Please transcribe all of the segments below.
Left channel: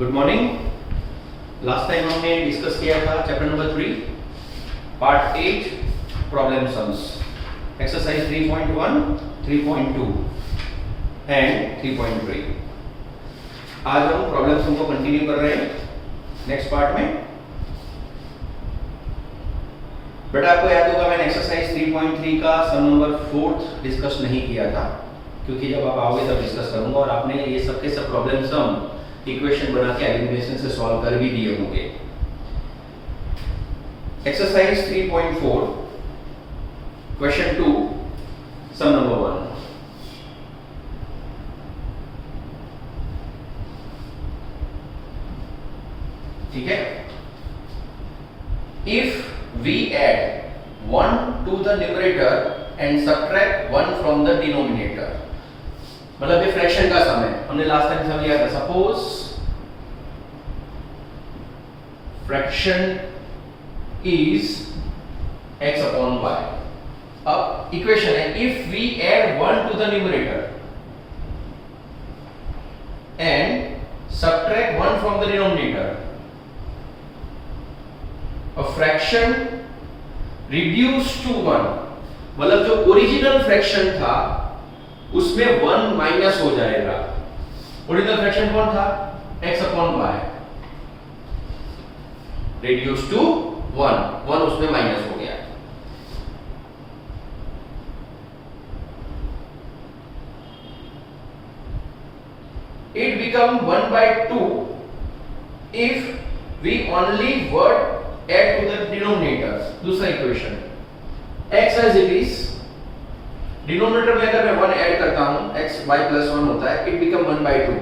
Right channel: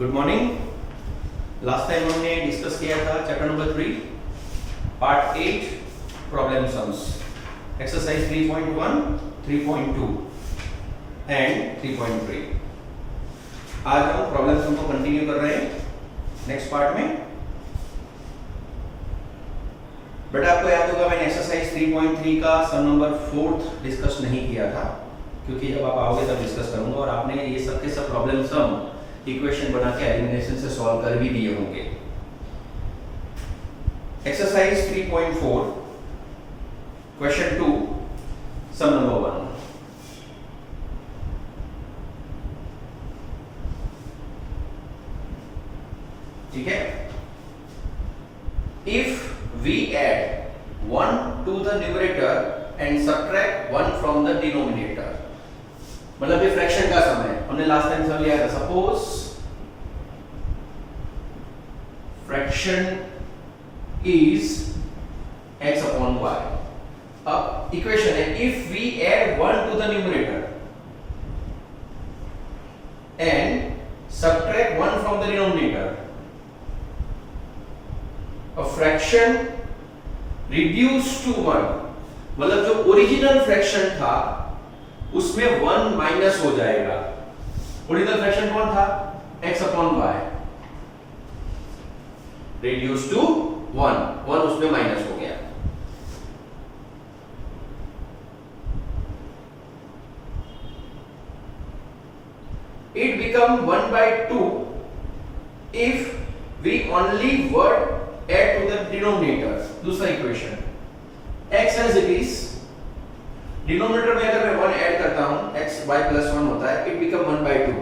Good morning. Last time हमने discuss किया था chapter number 3 part 8 problem sums, exercise 3.1, 3.2 and 3.3। आज हम प्रॉब्लम सम को कंटिन्यू कर रहे हैं नेक्स्ट पार्ट में। बेटा आपको याद होगा मैंने एक्सरसाइज 3.3 का सम नंबर 4 डिस्कस नहीं किया था, क्योंकि जब आप आओगे तब डिस्कस करूंगा और आपने ये सब के सब प्रॉब्लम सम इक्वेशन बना के एलिमिनेशन से सॉल्व कर भी दिए होंगे। Exercise 3.4 question 2 sum number 1। ठीक है, if we add 1 to the numerator and subtract 1 from the denominator, मतलब ये फ्रैक्शन का सम है। हमने लास्ट टाइम सम लिया था। Suppose fraction is x upon y। अब इक्वेशन है if we add 1 to the numerator and subtract 1 from the denominator, a fraction reduced to 1, मतलब जो ओरिजिनल फ्रैक्शन था उसमें 1 माइनस हो जाएगा। ओरिजिनल फ्रैक्शन कौन था? x upon y, reduced to 1 उसमें माइनस हो गया। It become 1/2 if we only word add to the denominator। दूसरा equation x as it is, denominator में अगर मैं 1 ऐड करता हूं x y प्लस 1 होता है, इट बिकम 1/2।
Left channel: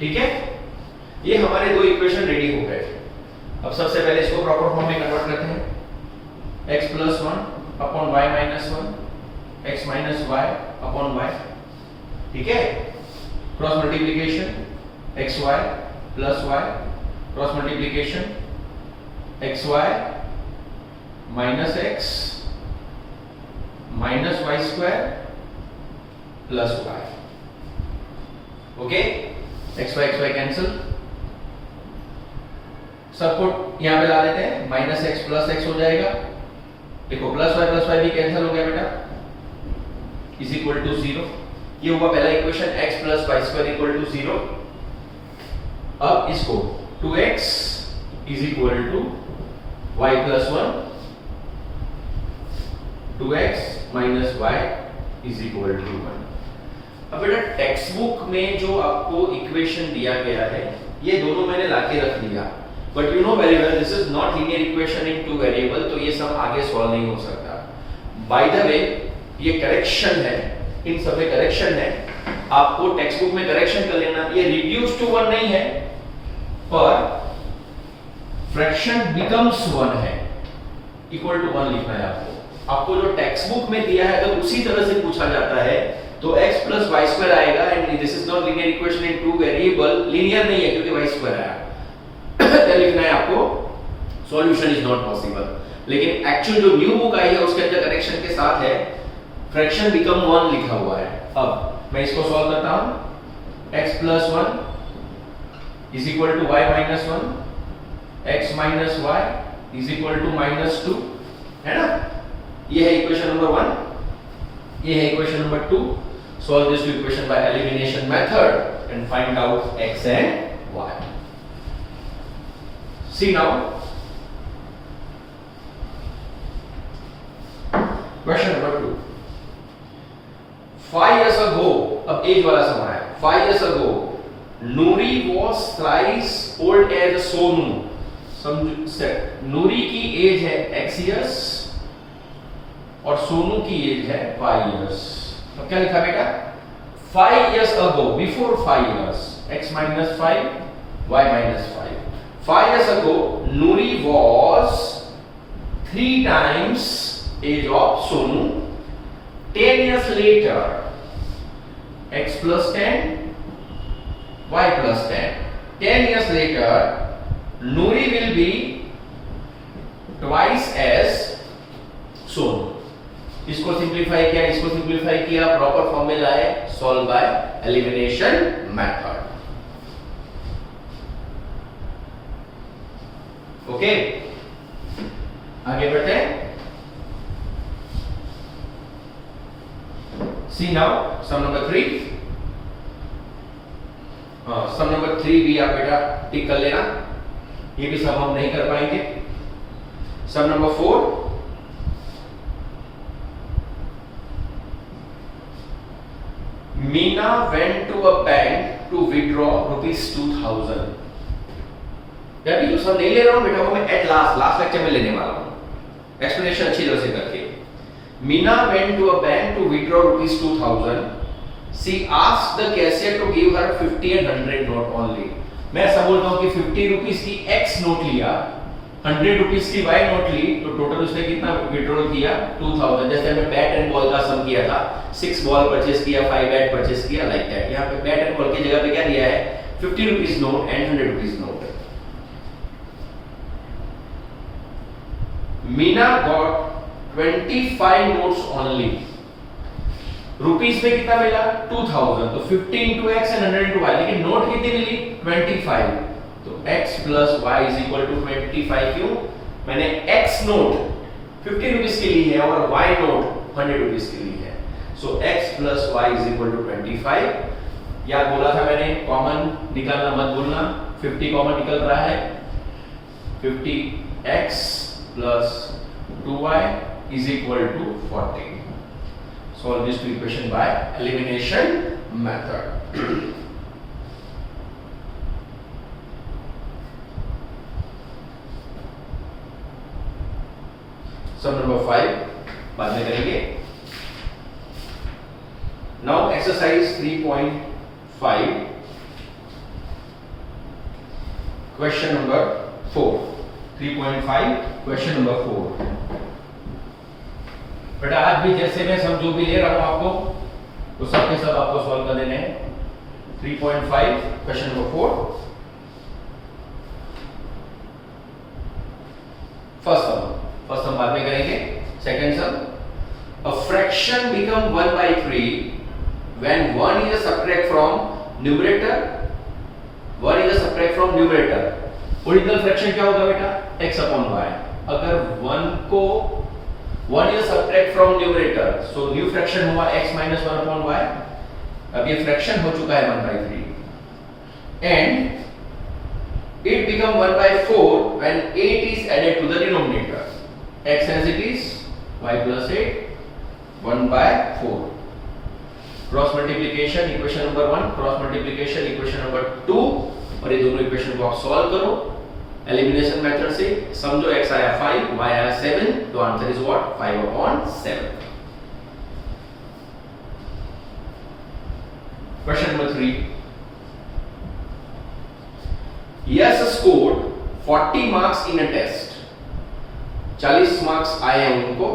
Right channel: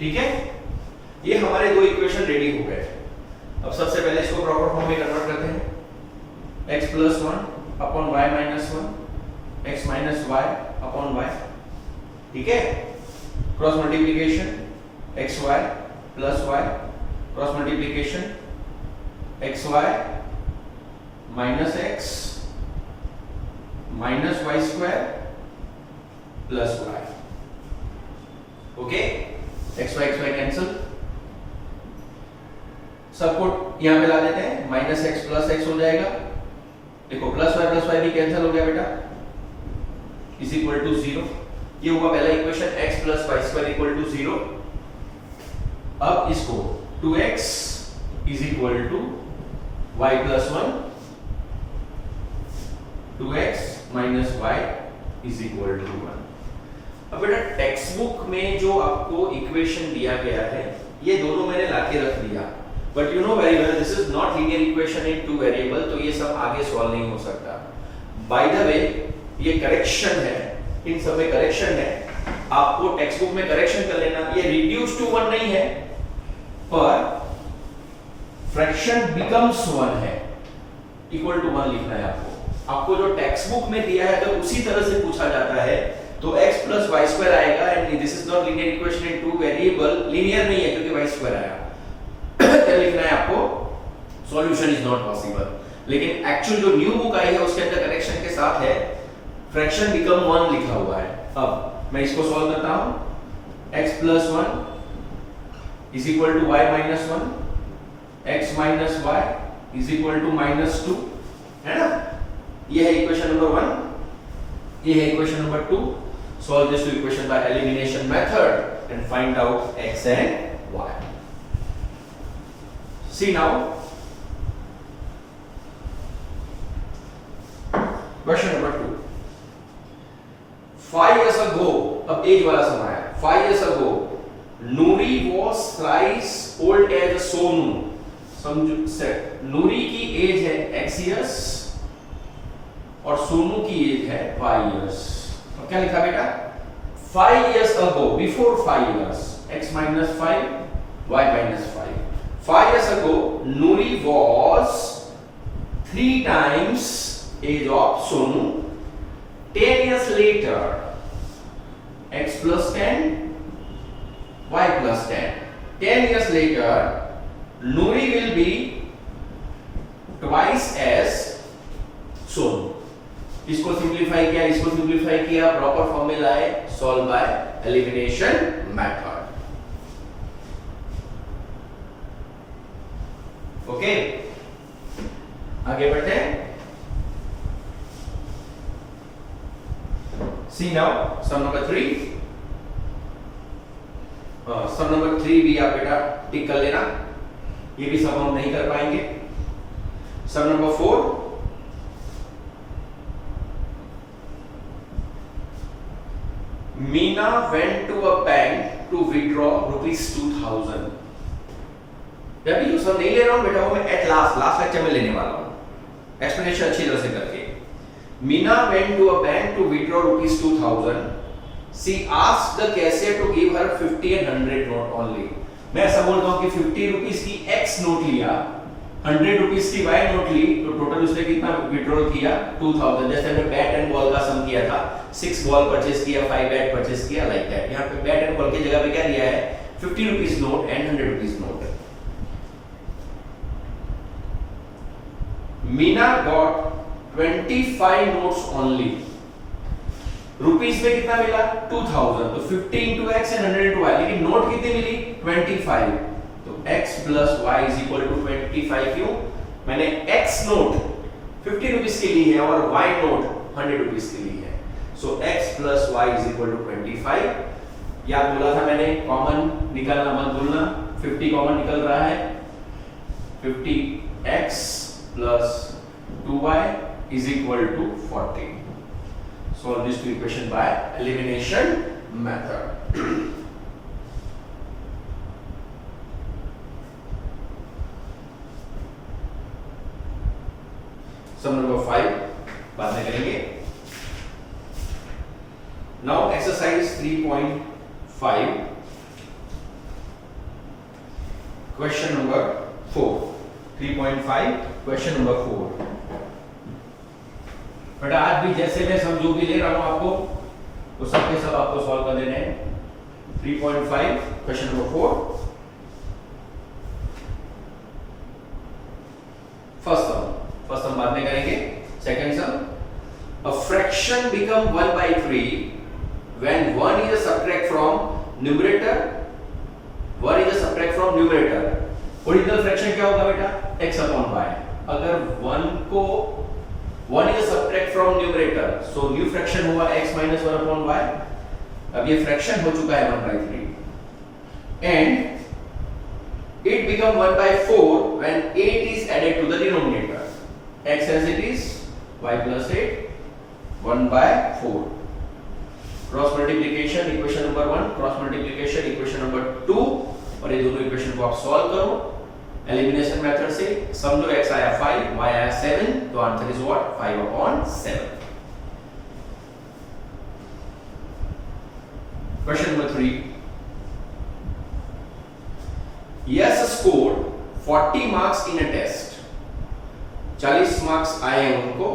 ठीक है, ये हमारे दो इक्वेशन रेडी हो गए। अब सबसे पहले इसको प्रॉपर फॉर्म में कन्वर्ट करते हैं। x plus 1 upon y minus 1, x minus y upon y। ठीक है, cross multiplication xy plus y, cross multiplication xy minus x minus y square plus y। Okay, xy cancel, सबको यहां पे ला देते हैं। माइनस x प्लस x हो जाएगा। देखो प्लस y भी कैंसिल हो गया बेटा, इज इक्वल टू 0। ये हुआ पहला equation, x plus y square equal to 0। अब इसको 2x is equal to y plus 1, 2x minus y is equal to 1। अब बेटा टेक्स्ट बुक में जो आपको इक्वेशन दिया गया है ये दोनों मैंने लाके रख दिया, but you know very well this is not linear equation in two variable, तो ये सब आगे सॉल्व नहीं हो सकता। बाय द वे ये करेक्शन है, इन सब में करेक्शन है, आपको टेक्स्ट बुक में करेक्शन कर लेना। ये रिड्यूस टू 1 नहीं है, पर फ्रैक्शन बिकम्स 1 है, इक्वल टू 1 लिखना है आपको। आपको जो टेक्स्ट बुक में दिया है अगर उसी तरह से पूछा जाता है तो x प्लस वाई स्क्वायर आएगा, and this is not linear equation in two variable. Linear नहीं है क्योंकि वाई स्क्वायर आया तो लिखना है आपको सॉल्यूशन इज नॉट पॉसिबल। लेकिन एक्चुअल जो न्यू बुक आई है उसके अंदर करेक्शन के साथ है फ्रैक्शन बिकम 1 लिखा हुआ है। अब मैं इसको सॉल्व करता हूं, x plus 1 is equal to y minus 1, x minus y is equal to minus 2, है ना। ये है इक्वेशन नंबर 1, ये है equation number 2। Solve this equation by elimination method and find out x and y। See now question number 2। 5 years ago, अब age वाला समय है। 5 years ago, Nuri was thrice old as Sonu। समझो set, नूरी की as है x years और सोनू की as है y years। अब क्या लिखा बेटा? 5 years ago, before 5 years, x minus 5, y minus 5। 5 years ago, Nuri was 3 times age of Sonu। 10 years later, x plus 10, y plus 10। 10 years later, Nuri will be twice as Sonu। इसको simplify किया, इसको को simplify किया, proper form में लाए, solve by elimination method. Okay, आगे बढ़ते हैं। सी नाउ सम नंबर 3। सम नंबर 3 भी आप बेटा टिक कर लेना, ये भी सम हम नहीं कर पाएंगे। सम number 4, Meena went to a bank to withdraw ₹2000। यार ये जो सम नहीं ले रहा हूं बेटा, वो मैं एट लास्ट लेक्चर में लेने वाला हूं, एक्सप्लेनेशन अच्छी तरह से करके। Meena went to a bank to withdraw ₹2000. She asked the cashier to give her 50 and 100 note only। मैं ऐसा बोलता हूं कि 50 रुपीस की X नोट लिया, 100 रुपीस की Y नोट ली, तो टोटल उसने कितना विड्रॉल किया? 2000। जैसे हमने बैट एंड बॉल का सम किया था, 6 बॉल परचेस किया, 5 बैट परचेस किया, लाइक दैट। यहाँ पे बैट एंड बॉल की जगह पे क्या दिया है? 50 rupees note and 100 rupees note. Meena got 25 notes only. Rupees में कितना मिला? 2000। तो 50 into x and 100 into y, लेकिन नोट कितनी मिली? 25। तो x plus y is equal to 25। क्यों? मैंने x नोट 50 रुपीस की ली है और y नोट 100 रुपीस की ली है। सो x plus y is equal to 25। याद बोला था मैंने, कॉमन निकालना मत भूलना, 50 कॉमन निकल रहा है, 50x plus 2y is equal to 40। Solve this equation by elimination method। Sum number 5 बाद में करेंगे। Now exercise 3.5 question number 4। 3.5 question number 4। बेटा आज भी जैसे मैं सम जो भी ले रहा हूं आपको, वो सब के सब आपको सॉल्व कर देने हैं। 3.5 क्वेश्चन नंबर 4। फर्स्ट सम बाद में करेंगे। Second some, a fraction become 1/3 when 1 is a subtract from numerator, 1 is a subtract from numerator। Original fraction क्या होगा बेटा? x upon y। अगर 1 को 1 is a subtract from numerator, so new fraction हुआ x minus 1 upon y। अब ये fraction हो चुका है 1/3 and it become 1/4 when 8 is added to the denominator। x as it is, y plus 8, 1/4। Cross multiplication equation number 1, cross multiplication equation number 2, और ये दोनों equation को आप सॉल्व करो एलिमिनेशन मेथड से। समझो x आया 5, y आया 7, तो answer is what? 5/7। Question number 3, Yash scored 40 marks in a test. 40 marks आए हैं उनको,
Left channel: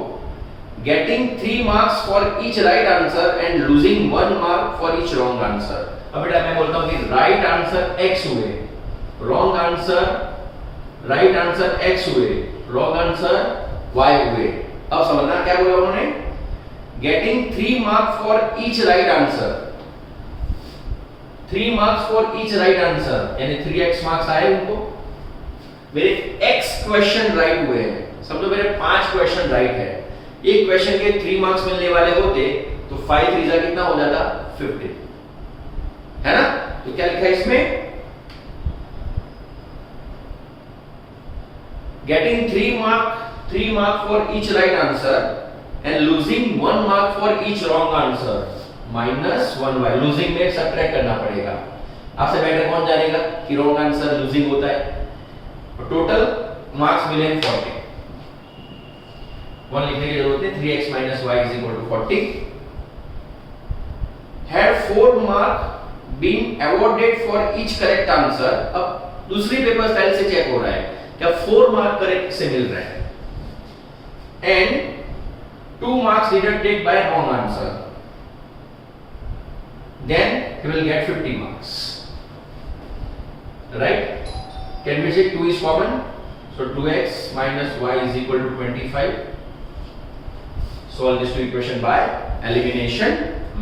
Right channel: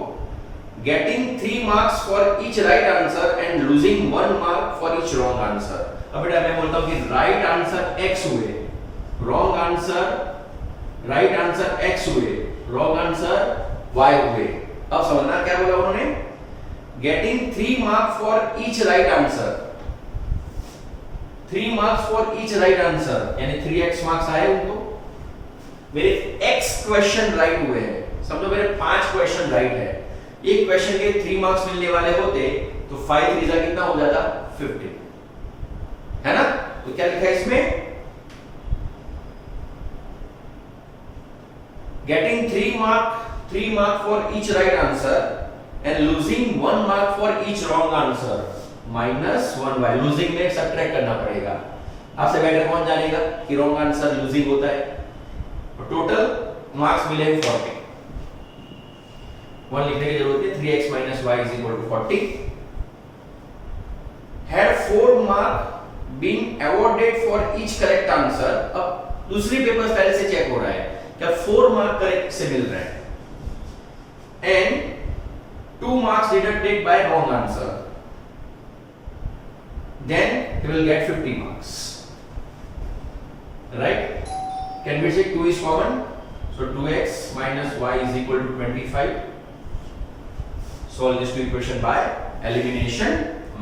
getting 3 marks for each right answer and losing 1 mark for each wrong answer. अब बेटा मैं बोलता हूं कि राइट आंसर x हुए, wrong answer right answer x हुए, रॉन्ग आंसर y हुए। अब समझना क्या बोला उन्होंने? Getting 3 marks for each right answer, 3 marks for each right answer, यानी 3x मार्क्स आए उनको। मेरे x क्वेश्चन राइट हुए हैं, समझो मेरे 5 क्वेश्चन राइट है। एक क्वेश्चन के 3 मार्क्स मिलने वाले होते तो 5 3 जा कितना हो जाता? 50, है ना? तो क्या लिखा है इसमें? getting 3 mark for each right answer and losing 1 mark for each wrong answer minus 1y। losing में सब्ट्रैक्ट करना पड़ेगा। आपसे बेटर कौन जानेगा कि wrong answer losing होता है? टोटल मार्क्स मिले 40, 1 लिखने की जरूरत है। 3x minus y is equal to 40। had 4 mark been awarded for each correct answer। अब दूसरी पेपर पहले से चेक हो रहा है क्या 4 मार्क करेक्ट से मिल रहे हैं and 2 marks deducted by wrong answer, then you will get 50 marks, right? Can we say 2 is common? So 2x minus y is equal to 25। Solve this two equation by elimination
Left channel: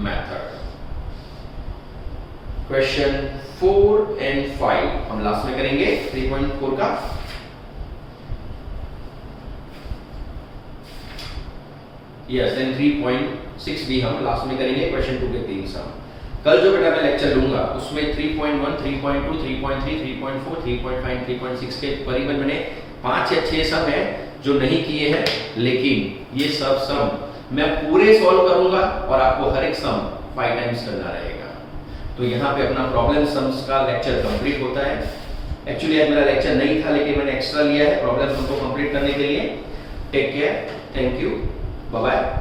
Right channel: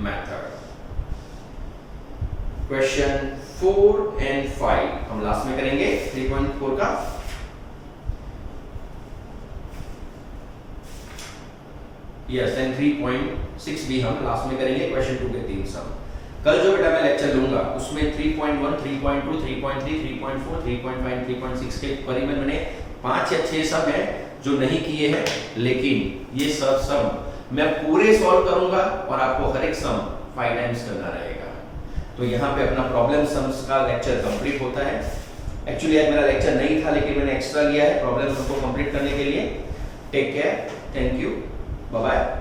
method. Question 4 and 5 हम last में करेंगे 3.4 का। Yes, and 3.6 भी हम last में करेंगे। Question 2 के 3 सम। कल जो बेटा मैं लेक्चर लूंगा उसमें 3.1, 3.2, 3.3, 3.4, 3.5, 3.6 के करीबन मैंने 5 या 6 सम है जो नहीं किए हैं, लेकिन ये सब सम मैं पूरे सॉल्व करूंगा और आपको हर एक सम 5 टाइम्स करना रहेगा। तो यहाँ पे अपना प्रॉब्लम सम्स का लेक्चर कंप्लीट होता है। एक्चुअली आज मेरा लेक्चर नहीं था, लेकिन मैंने एक्स्ट्रा लिया है प्रॉब्लम सम को कंप्लीट करने के लिए। Take care, thank you, bye bye.